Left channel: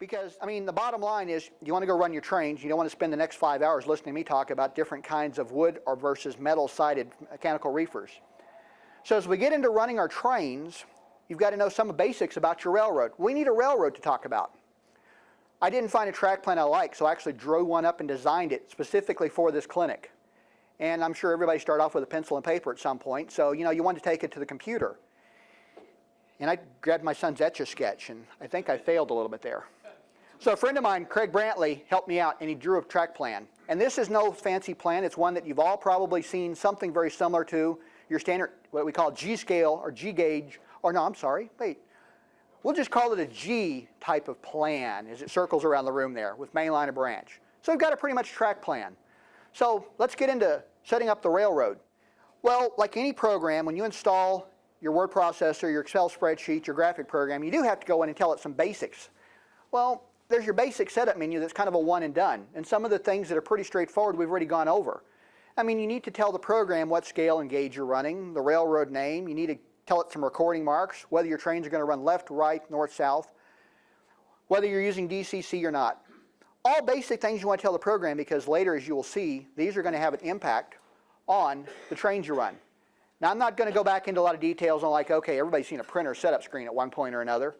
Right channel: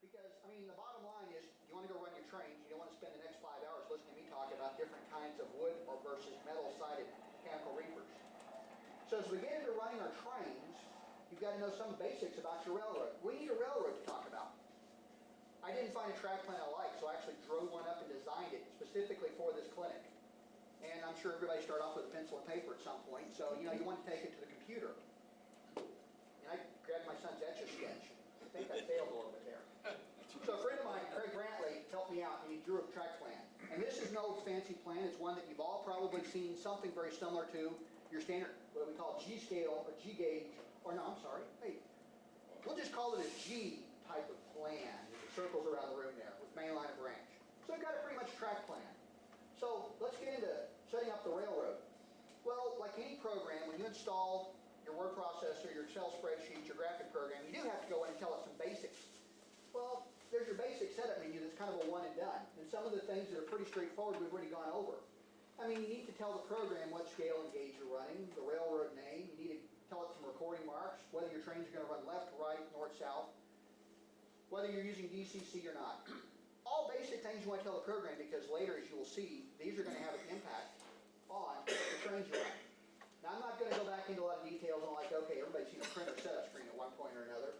Because, I mean, the bottom line is you want to go run your trains. You don't want to spend the next 5 hours listening to me talk about different kinds of wood or versus metal-sided mechanical reefers. So as we get into running our trains, you've got to know some basics about your railroad. We need a railroad to talk about. I didn't find a track plan I liked, so I actually drew one up and designed it specifically for this clinic. And I'm sure everybody started off with a pencil and paper at some point, so you want to take it to the computer. And I grabbed my son's Etch-a-Sketch, and I think I failed a little bit there. So a friend of mine, Craig Brantley, helped me out, and he drew a track plan. And this is no fancy plan. It's one that you've all probably seen something very similar to your standard, what we call G-scale or G-gauge, or no, I'm sorry, wait. We'll just call it a G type of plan as it circles around the room there with main line and branch. So we've got a pretty much track plan. So let's get into setting up the railroad. Well, like any program, when you install your word processor, your Excel spreadsheet, your graphic program, you do have to go in and tell it some basics. Well, there's your basic setup menu that's kind of a one and done. And some of the things that are pretty straightforward we've already gone over. I mean, you need to tell the program what scale and gauge you're running, the railroad name. You need to tell it some recording marks, whether your trains are going to run left, right, north, south, whether you're using DCC or not. All basic things you want to tell the program because later, as you will see, these are going to have an impact on the trains you run. Now, I'm not going to go back into a lot of details on like, okay, everybody's seen a printer setup screen at one point or another.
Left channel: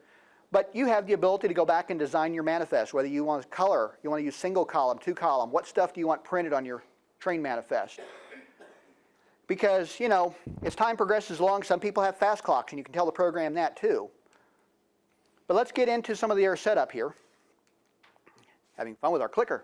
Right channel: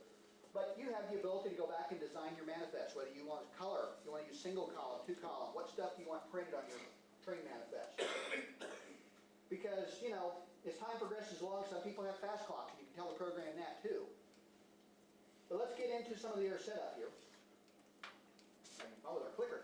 But you have the ability to go back and design your manifest, whether you want color, you want to use single column, two column, what stuff do you want printed on your train manifest? Because, as time progresses along, some people have fast clocks, and you can tell the program that too. But let's get into some of the air setup here. Having fun with our clicker.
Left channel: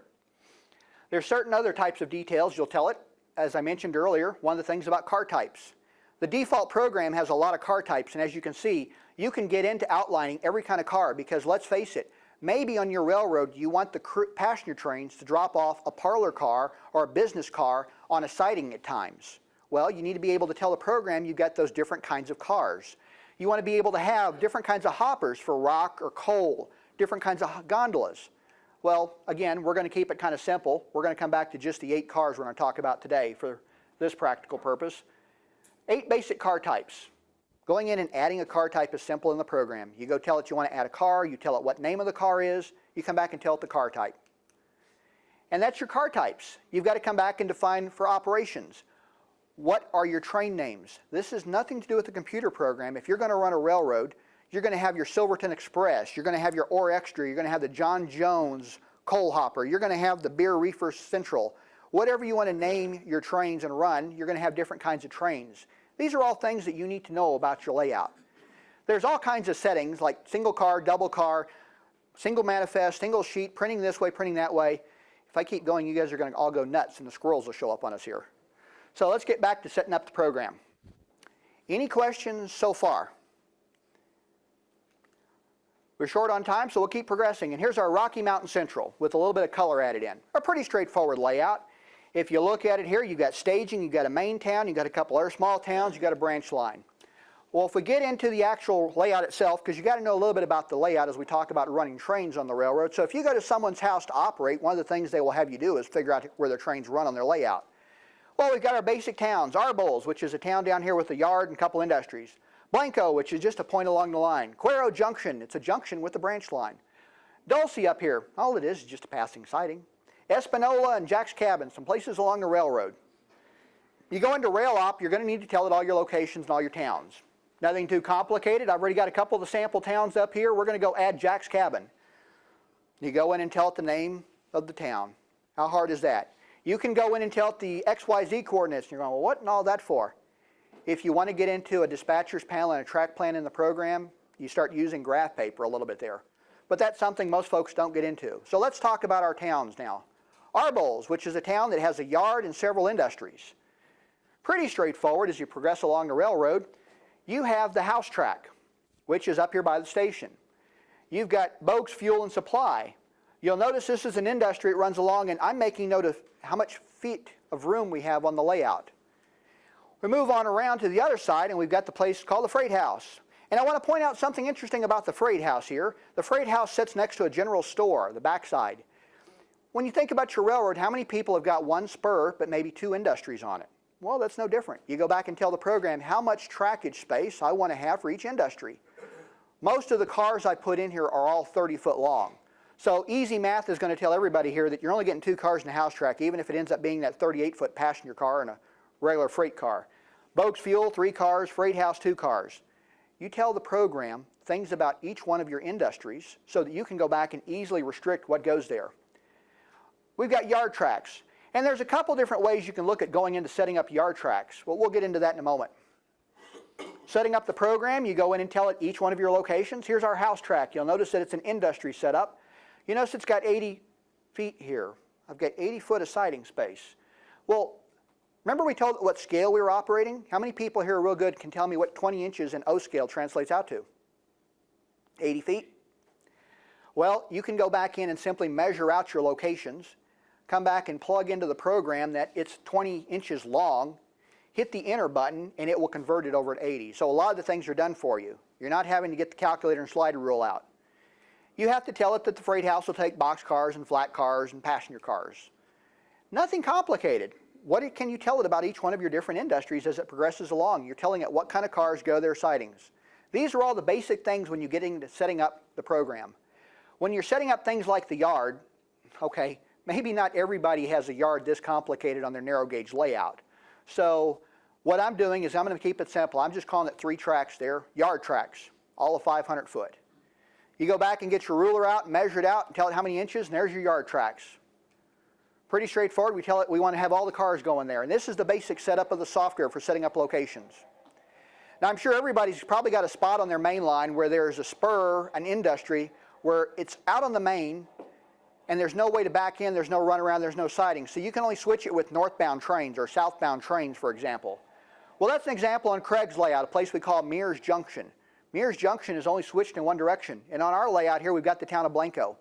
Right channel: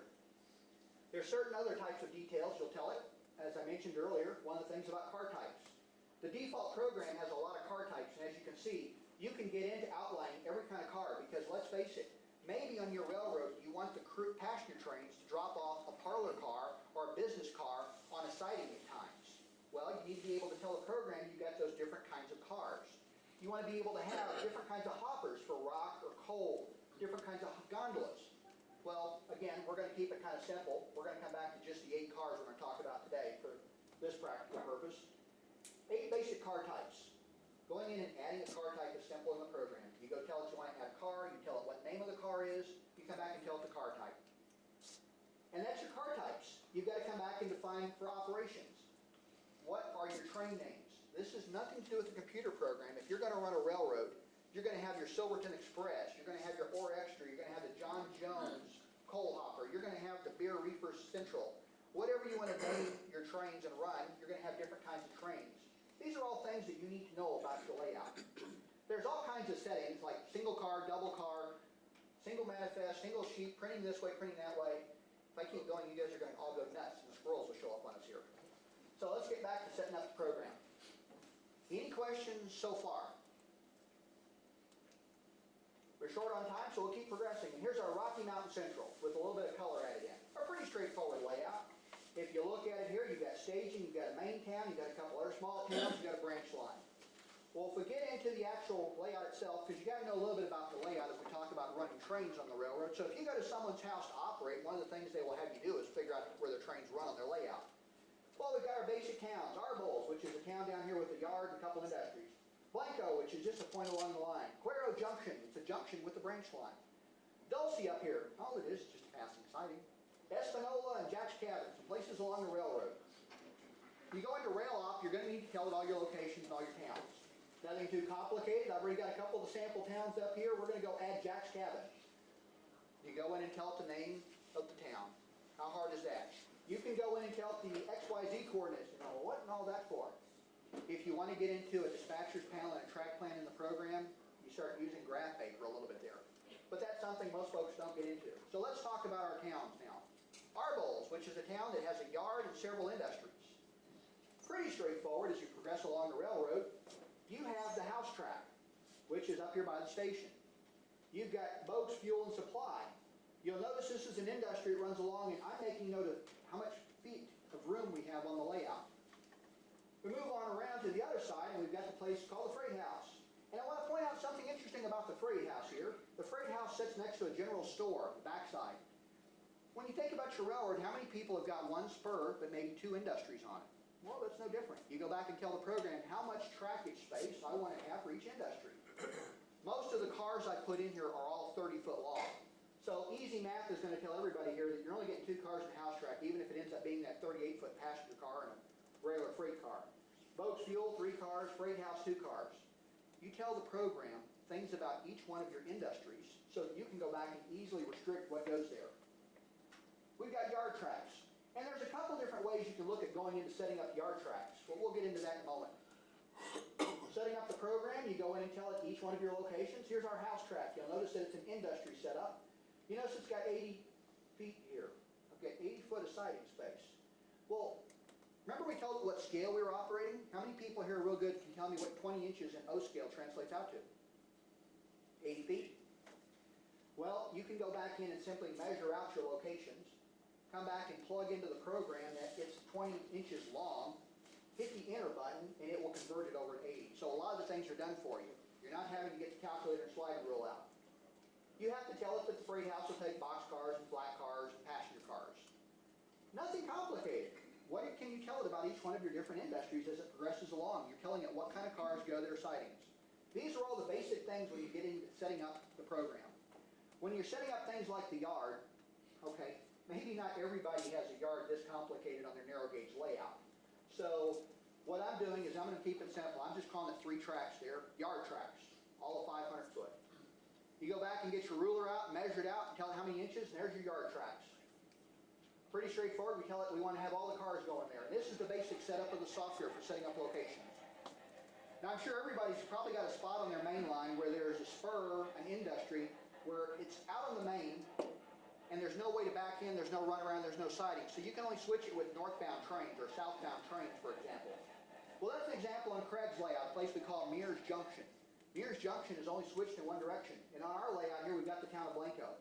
There's certain other types of details you'll tell it. As I mentioned earlier, one of the things about car types. The default program has a lot of car types, and as you can see, you can get into outlining every kind of car because let's face it, maybe on your railroad you want the passenger trains to drop off a parlor car or a business car on a siding at times. Well, you need to be able to tell the program you've got those different kinds of cars. You want to be able to have different kinds of hoppers for rock or coal, different kinds of gondolas. Well, again, we're going to keep it kind of simple. We're going to come back to just the 8 cars we're going to talk about today for this practical purpose. 8 basic car types. Going in and adding a car type is simple in the program. You go tell it you want to add a car, you tell it what name of the car is, you come back and tell it the car type. And that's your car types. You've got to come back and define for operations. What are your train names? This has nothing to do with the computer program. If you're going to run a railroad, you're going to have your Silverton Express, you're going to have your Ore Extra, you're going to have the John Jones Coal Hopper, you're going to have the Beer Reefer Central. Whatever you want to name your trains and run, you're going to have different kinds of trains. These are all things that you need to know about your layout. There's all kinds of settings like single car, double car, single manifest, single sheet, printing this way, printing that way. If I keep going, you guys are going to all go nuts and the squirrels will show up on us here. So let's get back to setting up the program. Any questions so far? We're short on time, so we'll keep progressing. And here's our Rocky Mountain Central with a little bit of color added in. A pretty straightforward layout. If you look at it here, you've got staging, you've got a main town, you've got a couple other small towns, you've got a branch line. Well, if we get into the actual layout itself, because you've got to know a little bit about the layout as we talk about running trains on the railroad. So if you go to someone's house to operate, one of the things they will have you do is figure out where their trains run on their layout. Well, we've got our basic towns. Arboles, which is a town down here with a yard and a couple industries. Blanco, which is just a point along the line. Cuero Junction, it's a junction with the branch line. Dulce up here, all it is just a passing siding. Espanola and Jack's Cabin, some places along the railroad. You go into rail op, you're going to need to tell it all your locations and all your towns. Nothing too complicated. I've already got a couple of the sample towns up here. We're going to go add Jack's Cabin. You go in and tell it the name of the town. How hard is that? You can go in and tell it the XYZ coordinates. And you're going, well, what and all that for? If you want to get into a dispatcher's panel and a track plan in the program, you start using graph paper a little bit there. But that's something most folks don't get into. So let's talk about our towns now. Arboles, which is a town that has a yard and several industries. Pretty straightforward as you progress along the railroad. You have the house track, which is up here by the station. You've got Bogues Fuel and Supply. You'll notice this is an industry that runs along, and I'm making note of how much feet of room we have on the layout. We move on around to the other side, and we've got the place called the freight house. And I want to point out something interesting about the freight house here. The freight house sits next to a general store, the backside. When you think about your railroad, how many people have got one spur but maybe two industries on it? Well, that's no different. You go back and tell the program how much trackage space I want to have for each industry. Most of the cars I put in here are all 30-foot long. So easy math is going to tell everybody here that you're only getting 2 cars in the house track, even if it ends up being that 38-foot passenger car and a regular freight car. Bogues Fuel, 3 cars, freight house, 2 cars. You tell the program things about each one of your industries so that you can go back and easily restrict what goes there. We've got yard tracks. And there's a couple different ways you can look at going into setting up yard tracks. Well, we'll get into that in a moment. Setting up the program, you go in and tell it each one of your locations. Here's our house track. You'll notice that it's an industry setup. You notice it's got 80 feet here. I've got 80 foot of siding space. Well, remember we told what scale we were operating? How many people here real good can tell me what 20 inches in O scale translates out to? 80 feet? Well, you can go back in and simply measure out your locations, come back and plug into the program that it's 20 inches long, hit the enter button, and it will convert it over at 80. So a lot of the things are done for you. You're not having to get the calculator and slider rule out. You have to tell it that the freight house will take box cars and flat cars and passenger cars. Nothing complicated. What can you tell it about each one of your different industries as it progresses along? You're telling it what kind of cars go their sidings. These are all the basic things when you get into setting up the program. When you're setting up things like the yard, okay, maybe not everybody has a yard this complicated on their narrow gauge layout. So what I'm doing is I'm going to keep it simple. I'm just calling it 3 tracks there, yard tracks, all of 500 foot. You go back and get your ruler out, measure it out, and tell it how many inches, and there's your yard tracks. Pretty straightforward. We tell it we want to have all the cars going there. And this is the basic setup of the software for setting up locations. Now I'm sure everybody's probably got a spot on their main line where there's a spur, an industry, where it's out on the main, and there's no way to back in, there's no runaround, there's no siding. So you can only switch it with northbound trains or southbound trains, for example. Well, that's an example on Craig's layout, a place we call Mears Junction. Mears Junction is only switched in one direction. And on our layout here, we've got the town of Blanco,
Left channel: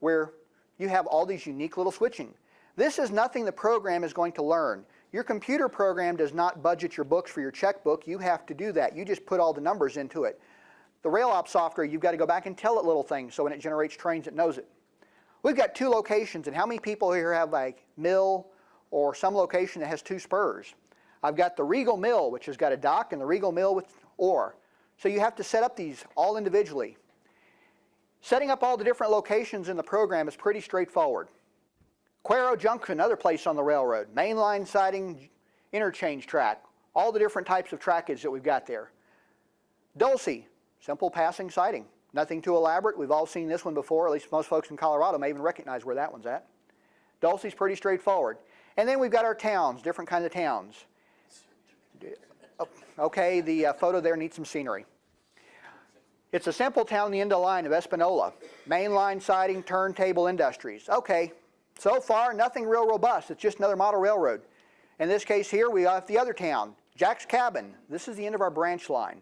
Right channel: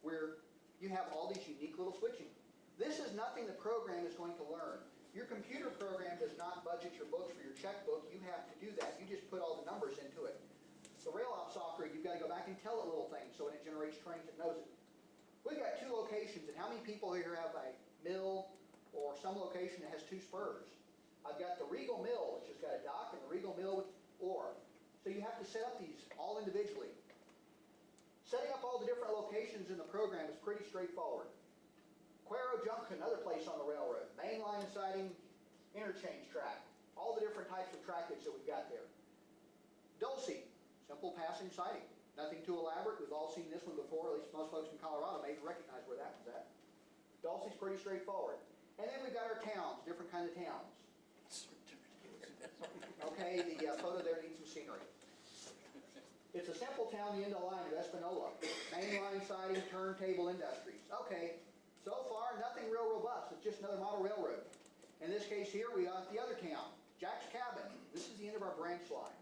where you have all these unique little switching. This is nothing the program is going to learn. Your computer program does not budget your books for your checkbook. You have to do that. You just put all the numbers into it. The RailOps software, you've got to go back and tell it little things so when it generates trains, it knows it. We've got 2 locations, and how many people here have like mill or some location that has 2 spurs? I've got the Regal Mill, which has got a dock, and the Regal Mill with ore. So you have to set up these all individually. Setting up all the different locations in the program is pretty straightforward. Cuero Junction, another place on the railroad. Mainline siding, interchange track, all the different types of trackage that we've got there. Dulce, simple passing siding. Nothing too elaborate. We've all seen this one before. At least most folks in Colorado may even recognize where that one's at. Dulce's pretty straightforward. And then we've got our towns, different kinds of towns. Okay, the photo there needs some scenery. It's a simple town on the end of the line of Espanola. Mainline siding, turntable industries. Okay, so far nothing real robust. It's just another model railroad. In this case here, we have the other town, Jack's Cabin. This is the end of our branch line.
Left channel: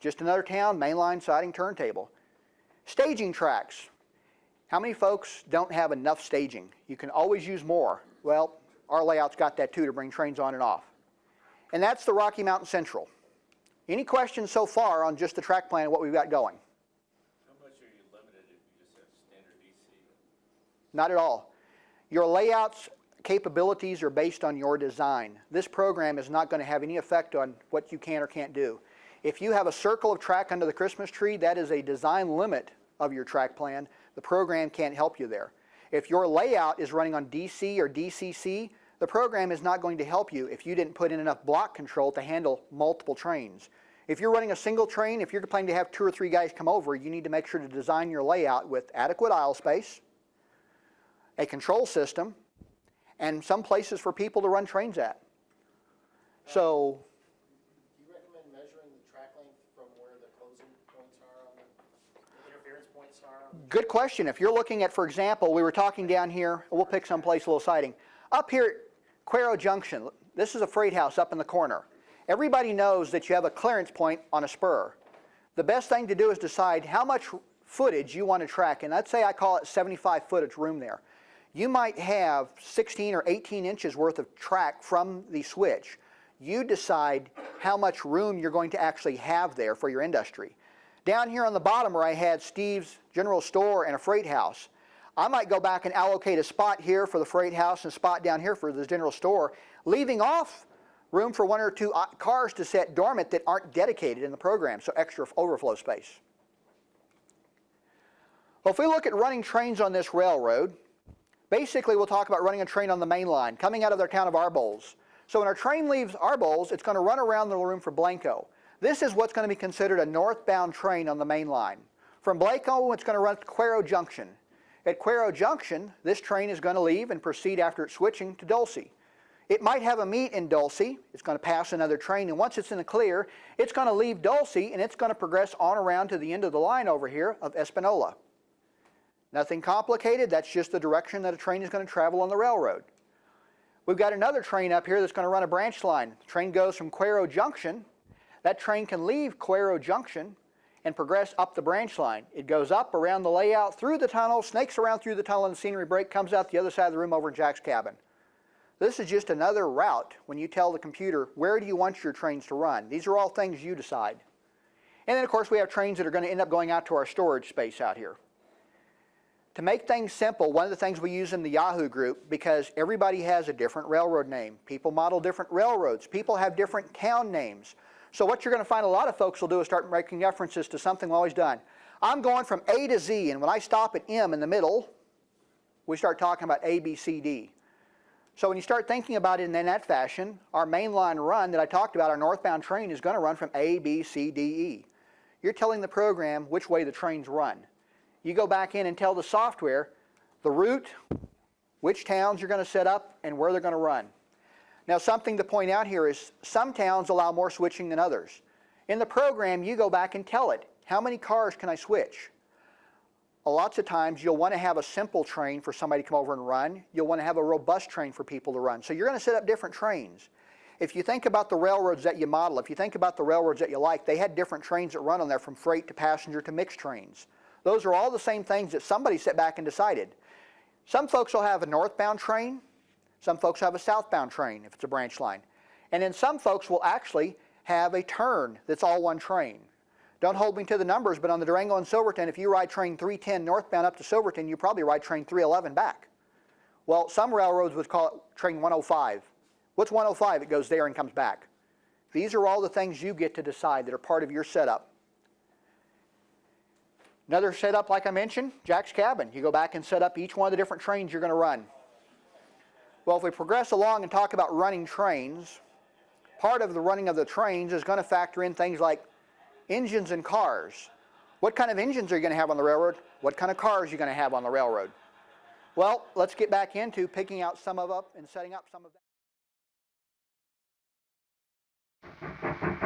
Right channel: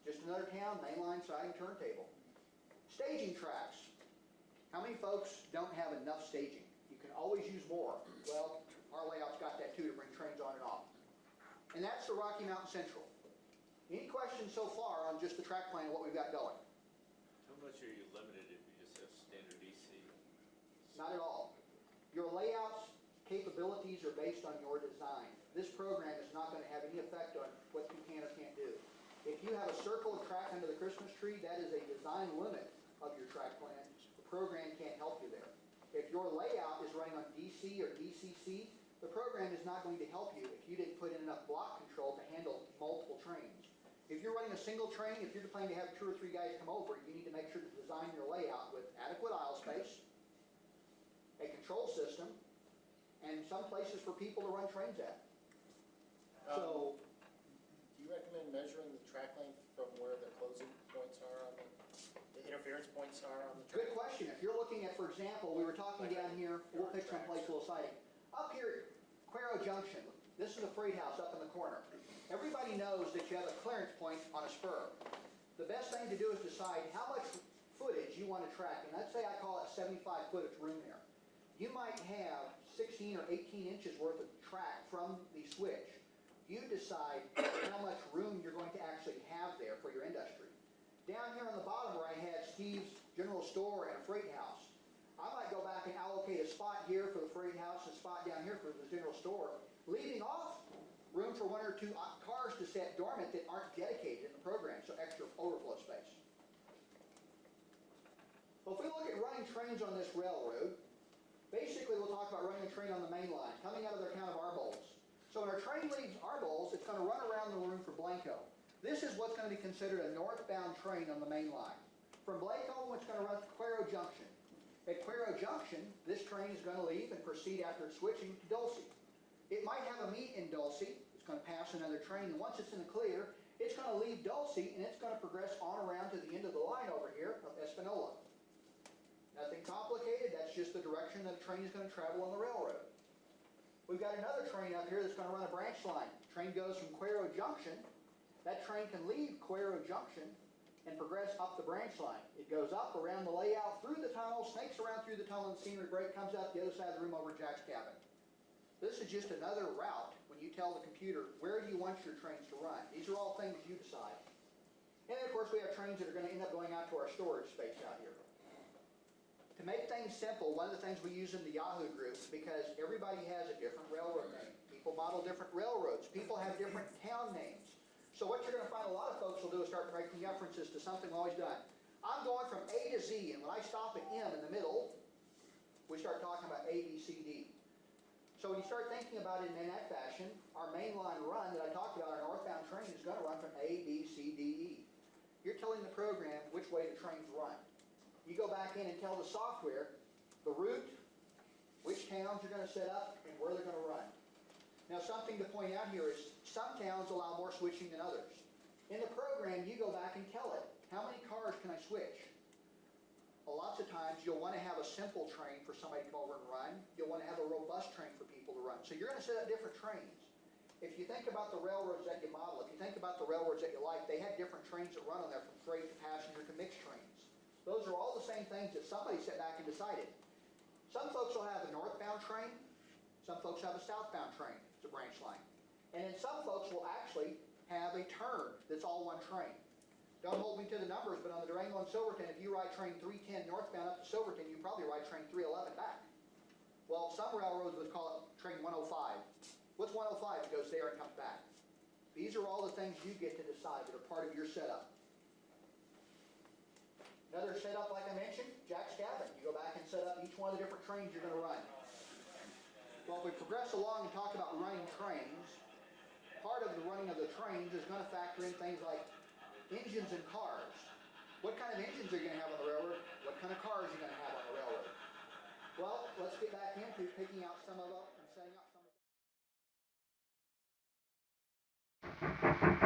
Just another town, mainline siding, turntable. Staging tracks. How many folks don't have enough staging? You can always use more. Well, our layout's got that too to bring trains on and off. And that's the Rocky Mountain Central. Any questions so far on just the track plan and what we've got going? How much are you limited if you just have standard DC? Not at all. Your layout's capabilities are based on your design. This program is not going to have any effect on what you can or can't do. If you have a circle of track under the Christmas tree, that is a design limit of your track plan. The program can't help you there. If your layout is running on DC or DCC, the program is not going to help you if you didn't put in enough block control to handle multiple trains. If you're running a single train, if you're planning to have 2 or 3 guys come over, you need to make sure to design your layout with adequate aisle space, a control system, and some places for people to run trains at. So, do you recommend measuring the track length from where the closing points are on the interference points are on Good question. If you're looking at, for example, we were talking down here, we'll pick someplace a little sighting. Up here at Cuero Junction, this is a freight house up in the corner. Everybody knows that you have a clearance point on a spur. The best thing to do is decide how much footage you want to track, and let's say I call it 75 footage room there. You might have 16 or 18 inches worth of track from the switch. You decide how much room you're going to actually have there for your industry. Down here on the bottom where I had Steve's General Store and a freight house, I might go back and allocate a spot here for the freight house and a spot down here for the general store, leaving off room for 1 or 2 cars to set dormant that aren't dedicated in the program, so extra overflow space. Well, if we look at running trains on this railroad, basically we'll talk about running a train on the main line, coming out of their town of Arbolz. So when our train leaves Arbolz, it's going to run around the room for Blanco. This is what's going to be considered a northbound train on the main line. From Blanco, it's going to run to Cuero Junction. At Cuero Junction, this train is going to leave and proceed after it's switching to Dulce. It might have a meet in Dulce. It's going to pass another train, and once it's in the clear, it's going to leave Dulce, and it's going to progress on around to the end of the line over here of Espanola. Nothing complicated. That's just the direction that a train is going to travel on the railroad. We've got another train up here that's going to run a branch line. The train goes from Cuero Junction. That train can leave Cuero Junction and progress up the branch line. It goes up around the layout, through the tunnel, snakes around through the tunnel and the scenery break, comes out the other side of the room over in Jack's cabin. This is just another route when you tell the computer, where do you want your trains to run? These are all things you decide. And then, of course, we have trains that are going to end up going out to our storage space out here. To make things simple, one of the things we use in the Yahoo group, because everybody has a different railroad name. People model different railroads. People have different town names. So what you're going to find a lot of folks will do is start making references to something we've always done. I'm going from A to Z, and when I stop at M in the middle, we start talking about A, B, C, D. So when you start thinking about it in that fashion, our mainline run that I talked about, our northbound train, is going to run from A, B, C, D, E. You're telling the program which way the trains run. You go back in and tell the software the route, which towns you're going to set up, and where they're going to run. Now, something to point out here is some towns allow more switching than others. In the program, you go back and tell it, how many cars can I switch? Lots of times, you'll want to have a simple train for somebody to come over and run. You'll want to have a robust train for people to run. So you're going to set up different trains. If you think about the railroads that you model, if you think about the railroads that you like, they had different trains that run on there, from freight to passenger to mixed trains. Those are all the same things that somebody sat back and decided. Some folks will have a northbound train. Some folks have a southbound train if it's a branch line. And then some folks will actually have a turn that's all one train. Don't hold me to the numbers, but on the Durango and Silverton, if you ride train 310 northbound up to Silverton, you probably ride train 311 back. Well, some railroads would call it train 105. What's 105? It goes there and comes back. These are all the things you get to decide that are part of your setup. Another setup, like I mentioned, Jack's cabin. You go back and set up each one of the different trains you're going to run. Well, if we progress along and talk about running trains, part of the running of the trains is going to factor in things like engines and cars. What kind of engines are you going to have on the railroad? What kind of cars are you going to have on the railroad? Well, let's get back into picking out some of them and setting up some of them.